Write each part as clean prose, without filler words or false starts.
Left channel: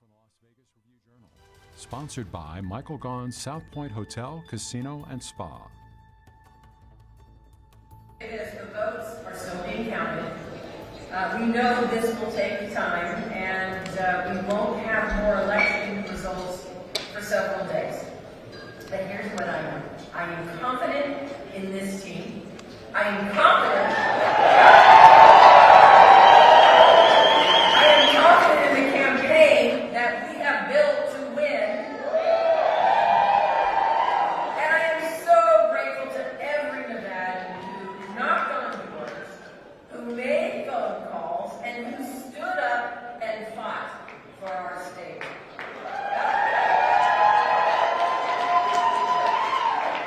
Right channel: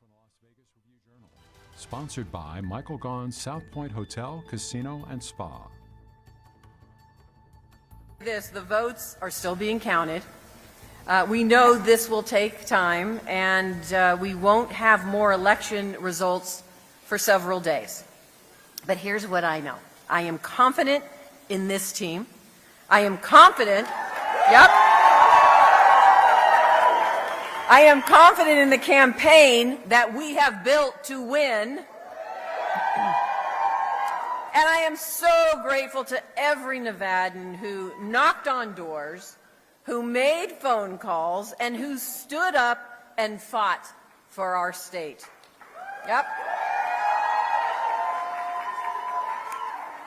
from the Las Vegas Review-Journal. Sponsored by Michael Gaughan's South Point Hotel, Casino, and Spa. The votes are still being counted. We know this will take time, and we won't have more election results for several days. But here's what I know. I am confident in this team. I am confident, I am confident in the campaign that we have built to win. And I am so grateful to every Nevadan who knocked on doors, who made phone calls, and who stood up and fought for our state.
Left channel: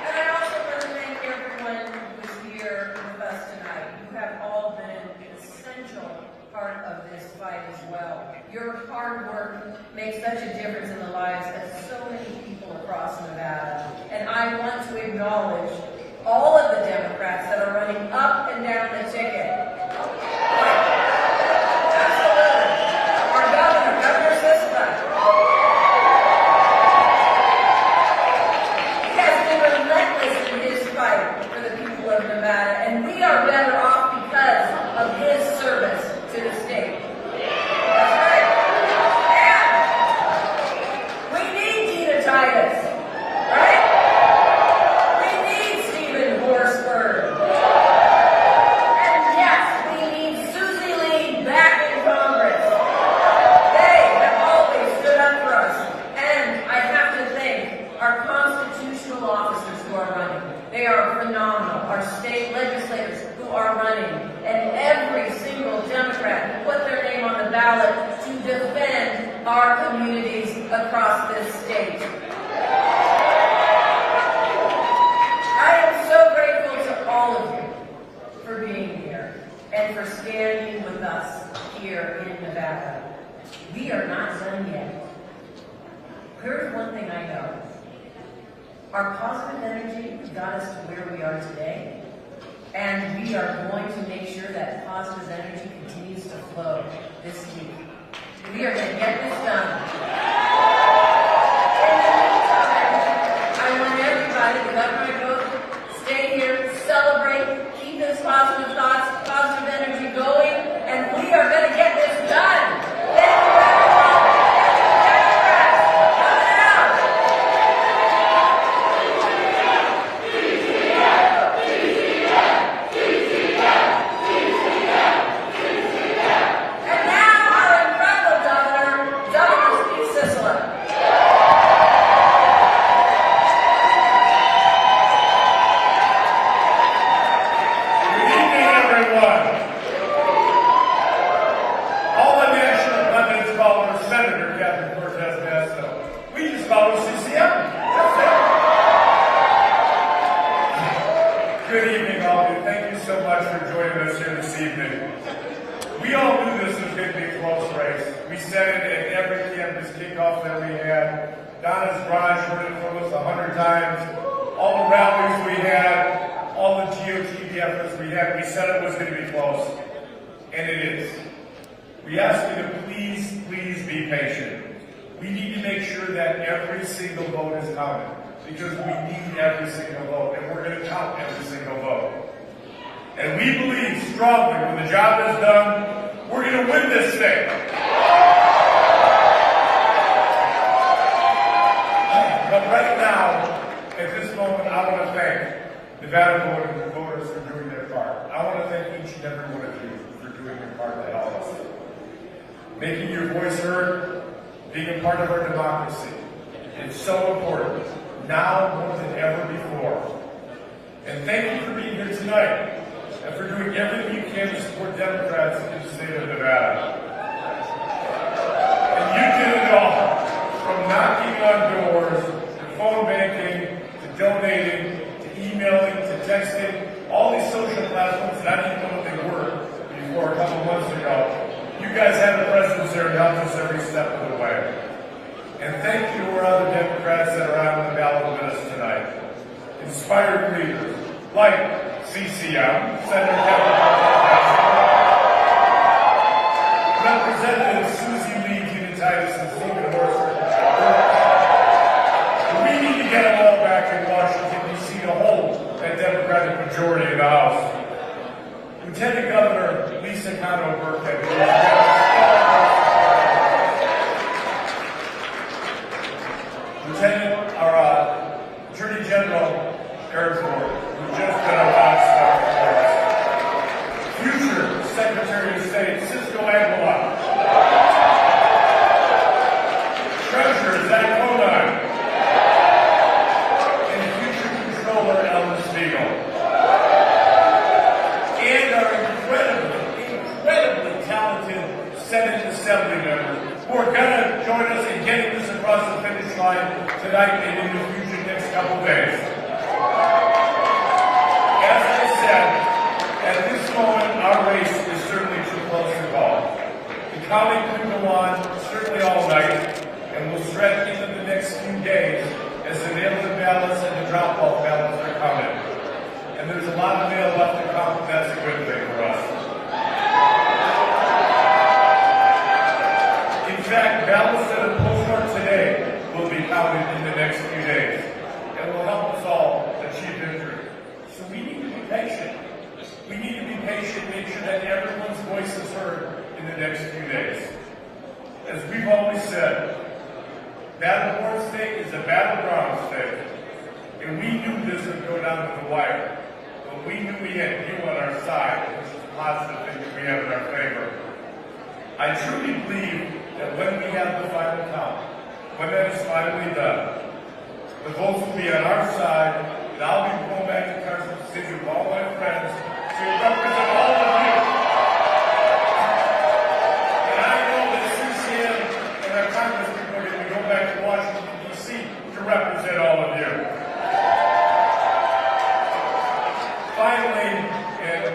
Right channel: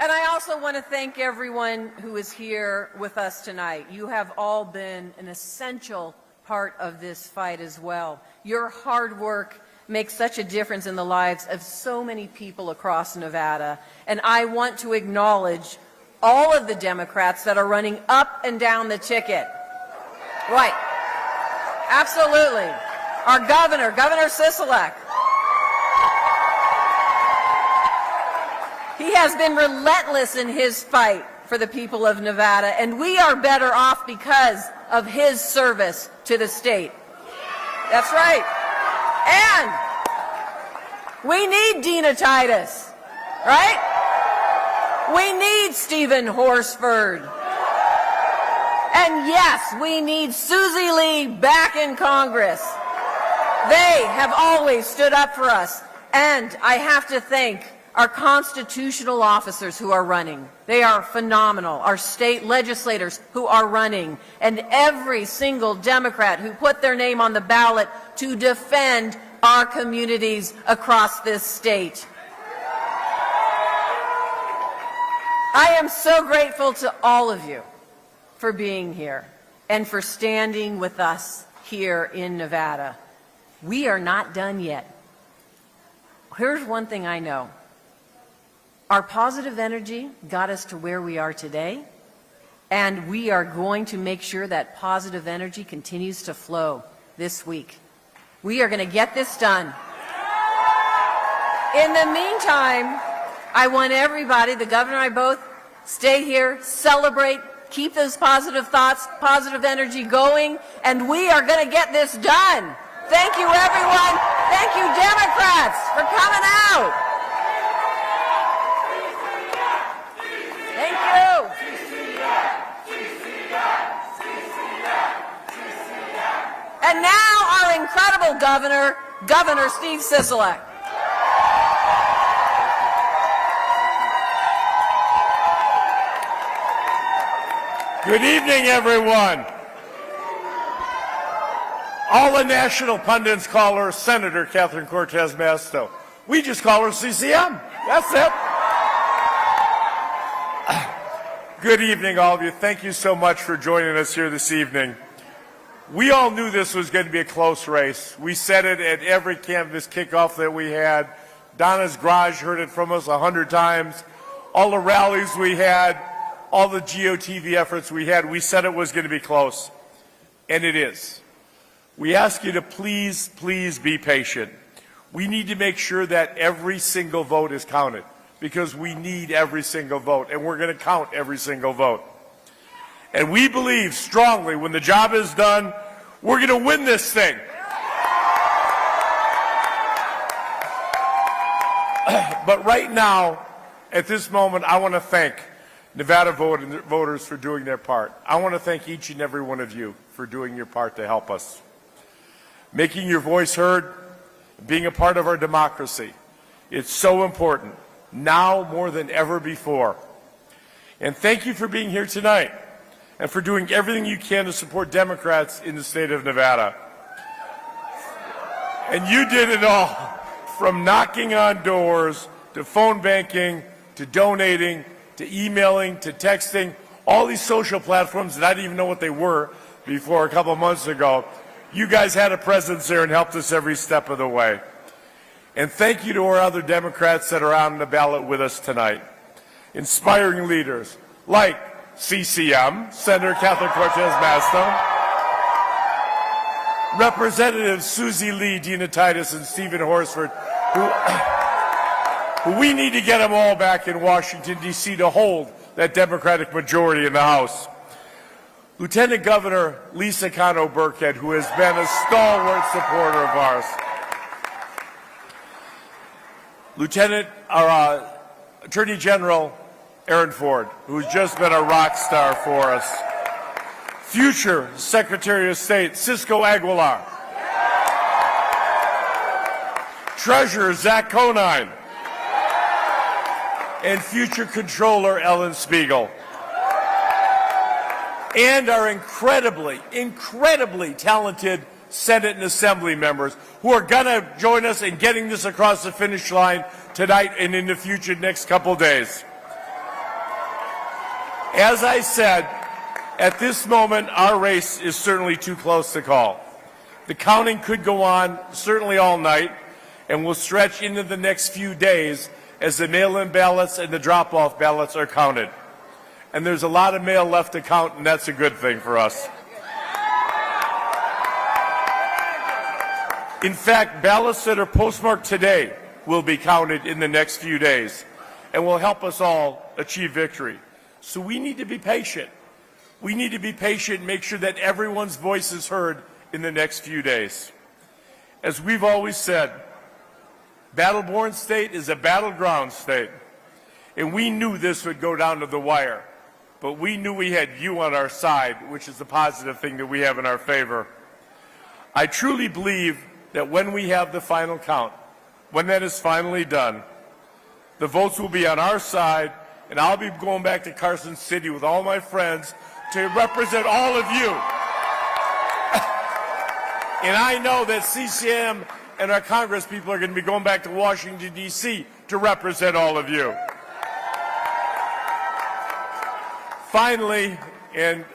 And I also want to thank everyone who is here with us tonight. You have all been an essential part of this fight as well. Your hard work makes such a difference in the lives of so many people across Nevada. And I want to acknowledge all of the Democrats that are running up and down the ticket. Right. Absolutely. Our governor, Governor Sisolak. He has been relentless in his fight for the people of Nevada, and we are better off because of his service to the state. That's right. And we need Dina Titus, right? We need Stephen Horsford. And yes, we need Susie Lee back in Congress. They have always stood up for us. And I have to thank our constitutional officers who are running. They are phenomenal. Our state legislators who are running. And every single Democrat who put their name on the ballot to defend our communities across this state. I am so grateful to all of you for being here and for standing with us here in Nevada. We are not done yet. Here's one thing I know. Our positive energy got us to where we are today, and we are going to make sure that positive energy continues to flow this week. We are going to get this done. In the meantime, I want everybody, the governor and I both, stay here, celebrate, keep those positive thoughts, positive energy going, and we are going to get this done. Thank you, everyone. Thank you, Democrats, for coming out. And now our incredible governor, Governor Steve Sisolak. Good evening, everyone. All the national pundits call her Senator Catherine Cortez Masto. We just call her CCM. That's it. Good evening, all of you. Thank you so much for joining us here this evening. We all knew this was going to be a close race. We said it at every campus kickoff that we had. Donna's Garage heard it from us 100 times. All the rallies we had, all the GOTV efforts we had, we said it was going to be close, and it is. We ask you to please, please be patient. We need to make sure that every single vote is counted, because we need every single vote, and we're going to count every single vote. And we believe strongly when the job is done, we're going to win this thing. But right now, at this moment, I want to thank Nevada voters for doing their part. I want to thank each and every one of you for doing your part to help us. Making your voice heard, being a part of our democracy. It's so important, now more than ever before. And thank you for being here tonight and for doing everything you can to support Democrats in the state of Nevada. And you did it all, from knocking on doors, to phone banking, to donating, to emailing, to texting, all these social platforms that I didn't even know what they were before a couple months ago. You guys had a presence there and helped us every step of the way. And thank you to our other Democrats that are on the ballot with us tonight. Inspiring leaders like CCM, Senator Catherine Cortez Masto, Representatives Susie Lee, Dina Titus, and Stephen Horsford, who we need to get them all back in Washington, D.C. to hold that Democratic majority in the House. Lieutenant Governor Lisa Cano Burkhead, who has been a stalwart supporter of ours. Attorney General Eric Ford, who's just been a rock star for us. Future Secretary of State Cisco Aguilar. Treasurer Zach Conine. And future Controller Ellen Spiegel. And our incredibly talented Senate and Assembly members who are going to join us in getting this across the finish line tonight and in the future next couple days. As I said, at this moment, our race is certainly too close to call. The counting could go on certainly all night and will stretch into the next few days as the mail-in ballots and the drop-off ballots are counted. And there's a lot of mail left to count, and that's a good thing for us. In fact, ballots that are postmarked today will be counted in the next few days and will help us all achieve victory. So we need to be patient. We need to be patient and make sure that everyone's voice is heard in the next few days. As we've always said, Battle-Born State is a battleground state. And we knew this would go down to the wire. But we knew we had you on our side, which is a positive thing that we have in our favor. I truly believe that when we have the final count, when that is finally done, the votes will be on our side, and I'll be going back to Carson City with all my friends to represent all of you. And I know that CCM and our Congress people are going to be going back to Washington, D.C. to represent all of you. Finally, and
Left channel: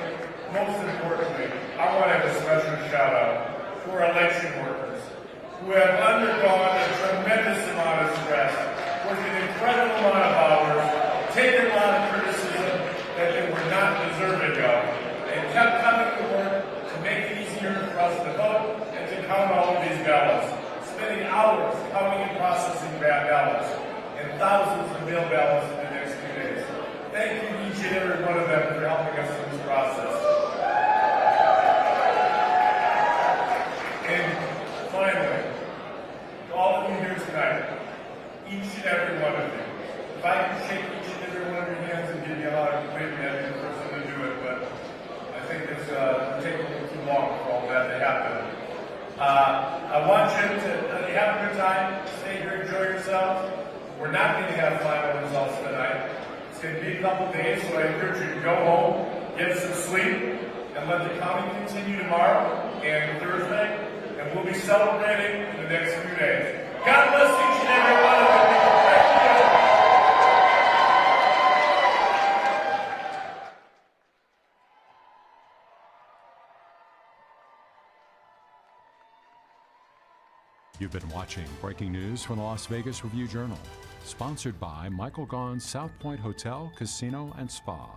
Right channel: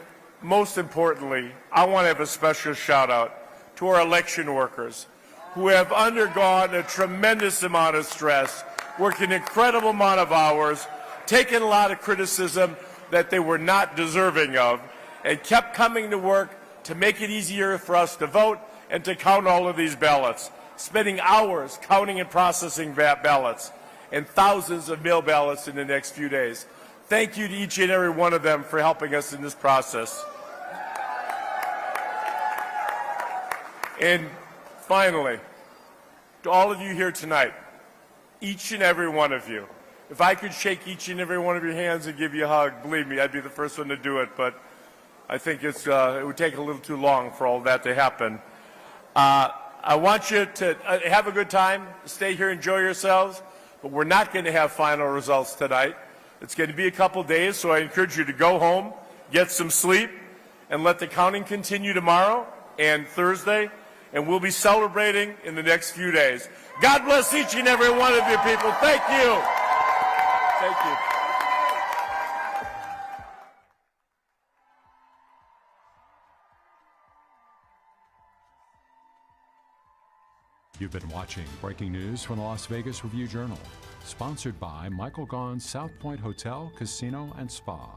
most importantly, I want to have a special shout out to our election workers who have undergone a tremendous amount of stress, worked an incredible amount of hours, taken a lot of criticism that they were not deserving of, and kept coming to work to make it easier for us to vote and to count all of these ballots, spending hours counting and processing ballots, and thousands of mail ballots in the next few days. Thank you to each and every one of them for helping us in this process. And finally, to all of you here tonight, each and every one of you, if I could shake each and every one of your hands and give you a hug, believe me, I'd be the first one to do it, but I think it would take a little too long for all that to happen. I want you to have a good time, stay here, enjoy yourselves, but we're not going to have final results tonight. It's going to be a couple days, so I encourage you to go home, get some sleep, and let the counting continue tomorrow and Thursday, and we'll be celebrating in the next few days. God bless each and every one of you people. Thank you. You've been watching breaking news from the Las Vegas Review-Journal, sponsored by Michael Gaughan's South Point Hotel, Casino, and Spa.